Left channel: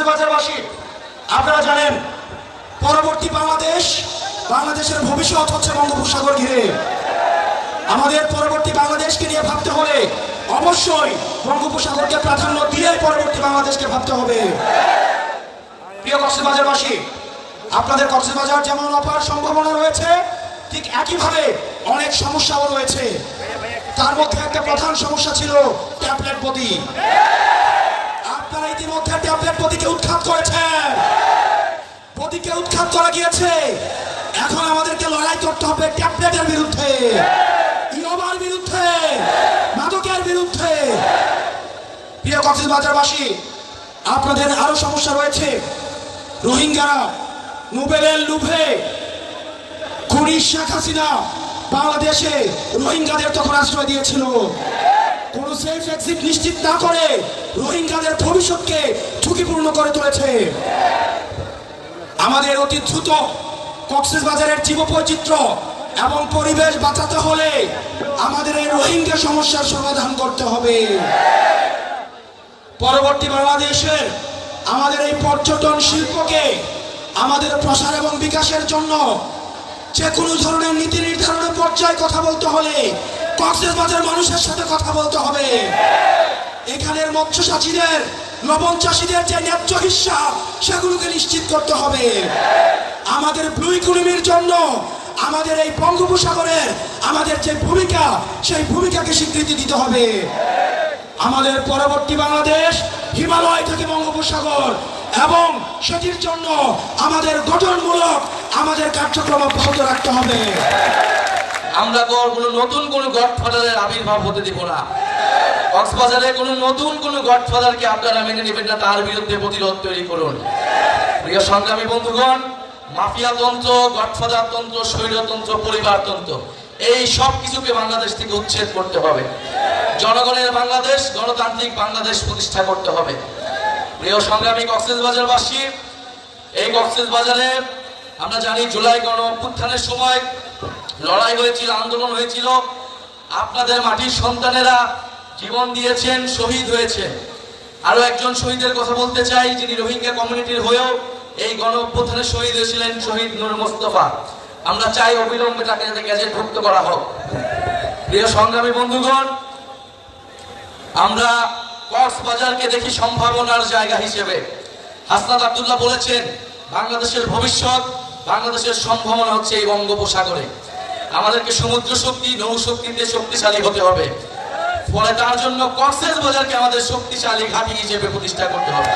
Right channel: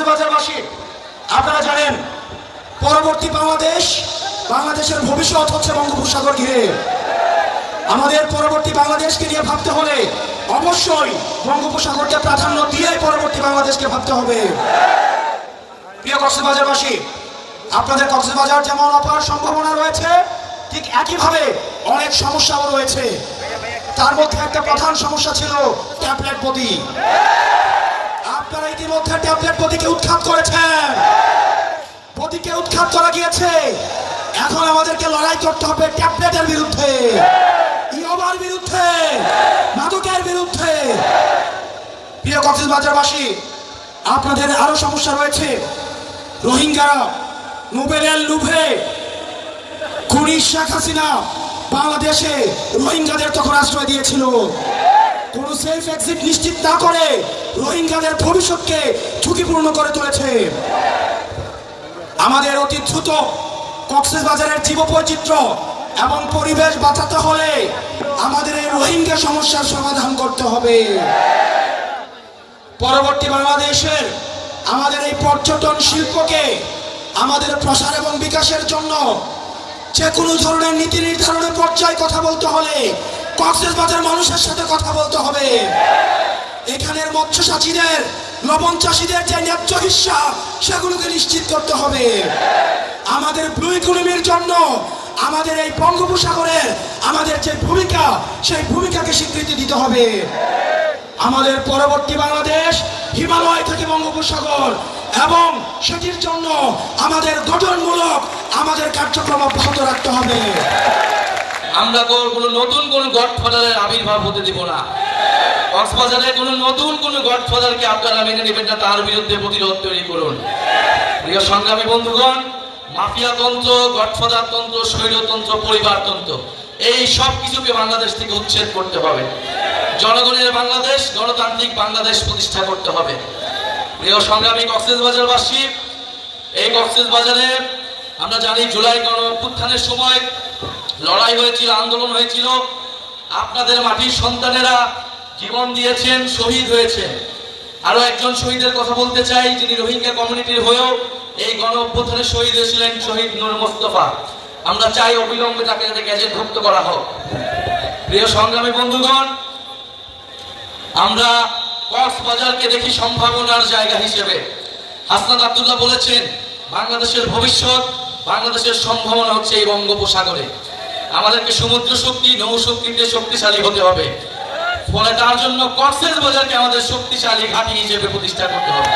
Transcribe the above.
কক্সবাজারবাসী, আপনারা জানেন পরবর্তী বাংলাদেশের ভবিষ্যৎ হচ্ছে বঙ্গোপসাগর ঘিরে। আমাদের পরবর্তী বাংলাদেশকে নিয়ে ভাবতে হলে অবশ্যই বঙ্গোপসাগরকে প্রাধান্য দিয়ে পরবর্তী বাংলাদেশকে ভাবতে হবে। প্রিয় কক্সবাজারবাসী, আপনাদের কক্সবাজার যেমন অপার সম্ভাবনা রয়েছে, ঠিক একইভাবে অনেক সমস্যাও রয়েছে। তার মধ্যে একটা প্রধান সমস্যা ছিল ট্যাবলেট বদি। আপনারা ইতিমধ্যে ট্যাবলেট বদিকে উৎখাত করেছেন, বদিকে উৎখাত করা গিয়েছে। এখন আমাদেরকে লড়াই করতে হবে ট্যাবলেটের বিরুদ্ধে, ইয়াবার বিরুদ্ধে, মাদকের বিরুদ্ধে। প্রিয় কক্সবাজারবাসী, আপনাদের আরো সমস্যা রয়েছে। রোহিঙ্গা, নোবেলের লুভে খুনি শেখ হাসিনা বাংলাদেশে রোহিঙ্গাদের তখন আশ্রয় দিয়েছিল। কোন সেফ এক্সিট নিশ্চিত না করে রোহিঙ্গাদের ভবিষ্যৎকে ঝুঁকিপূর্ণ করে তুলেছে। আমাদের অতি দ্রুত কক্সবাজারের জীববৈচিত্র্য এবং পরিবেশ বাঁচাতে হলে আমাদের এই রোহিঙ্গা সমস্যার সমাধান করতে হবে। পরবর্তী বাংলাদেশের আমাদের এই পর্যটন শিল্পকে আমাদের প্রসার এবং বিকাশের জন্য যে কোনো ধরনের নীতি নির্ধারণের পর্যায়ে কথা বলতে হলে কক্সবাজার মানুষের সাথে কথা বলতে হবে। এখানের মৎস্য চাষীদের, লবণ চাষীদের যে ন্যায্য হিস্সা সেগুলোকে নিশ্চিত করতে হবে। আমাদের ব্লু ইকোনমির জন্য আমাদের এই বঙ্গোপসাগরের আমাদের যে ভূমিকা, সেই ভূমিকাকে স্বীকৃতি দিতে হবে। আমাদের পরবর্তী বাংলাদেশ হিমালয় থেকে বঙ্গোপসাগর, এবং সেটির জন্য আমাদের গঠনমূলক আমাদের কার্যক্রম অব্যাহত রাখতে হবে। আমরা কোনো নতুন কোন গডফাদারের আবির্ভাব হতে দেব না। কক্সবাজারে কোনো নতুন কোন গডফাদারকে আপনারা মেনে নেবেন না, তার বিরুদ্ধে প্রতিরোধ তৈরি করুন। প্রিয় সংগ্রামী বন্ধুগণ, মাফিয়া তন্ত্র, গডফাদার তন্ত্র, স্বৈরতন্ত্র, পরিবারতন্ত্র, এই সব কিছুকে বাংলাদেশ থেকে উচ্ছেদ করতে হবে। জনগণের বাংলাদেশ, গণতান্ত্রিক বাংলাদেশ প্রতিষ্ঠা করতে হবে। প্রিয় সংগ্রামী কক্সবাজারবাসী, এই কক্সবাজারে আমরা জানি জুলাই গণ অভ্যুত্থানের সময় লড়াই হয়েছিল, আন্দোলন হয়েছিল। আপনাদের মাটির সন্তানেরা জীবন দিয়েছেন, শহীদ হয়েছেন। আরো একজন শহীদের কথা বলতে চাই, যিনি রোহিঙ্গা কমিউনিটির হয়েও এই গণ অভ্যুত্থানে শহীদ হয়েছিলেন, শহীদ নূর মোস্তফা। আমরা চাই অবিলম্বে তাকে গ্যাজেটভুক্ত করা হোক। প্রিয় সংগ্রামী বন্ধুগণ, আমরা কক্সবাজারকে দেখি সম্ভাবনার জায়গা হিসেবে। হাসনাত আব্দুল্লাহ বলেছেন, বাংলাদেশের ভবিষ্যৎ, বাংলাদেশের সম্ভাবনা হচ্ছে এই বঙ্গোপসাগরে। আমাদেরকে সমুদ্র শক্তি, নৌ শক্তিতে শক্তিশালী হতে হবে। ফলে তার জন্য কক্সবাজারকে আমাদের শক্তিশালী ঘাঁটি হিসেবে প্রতিষ্ঠা করতে হবে।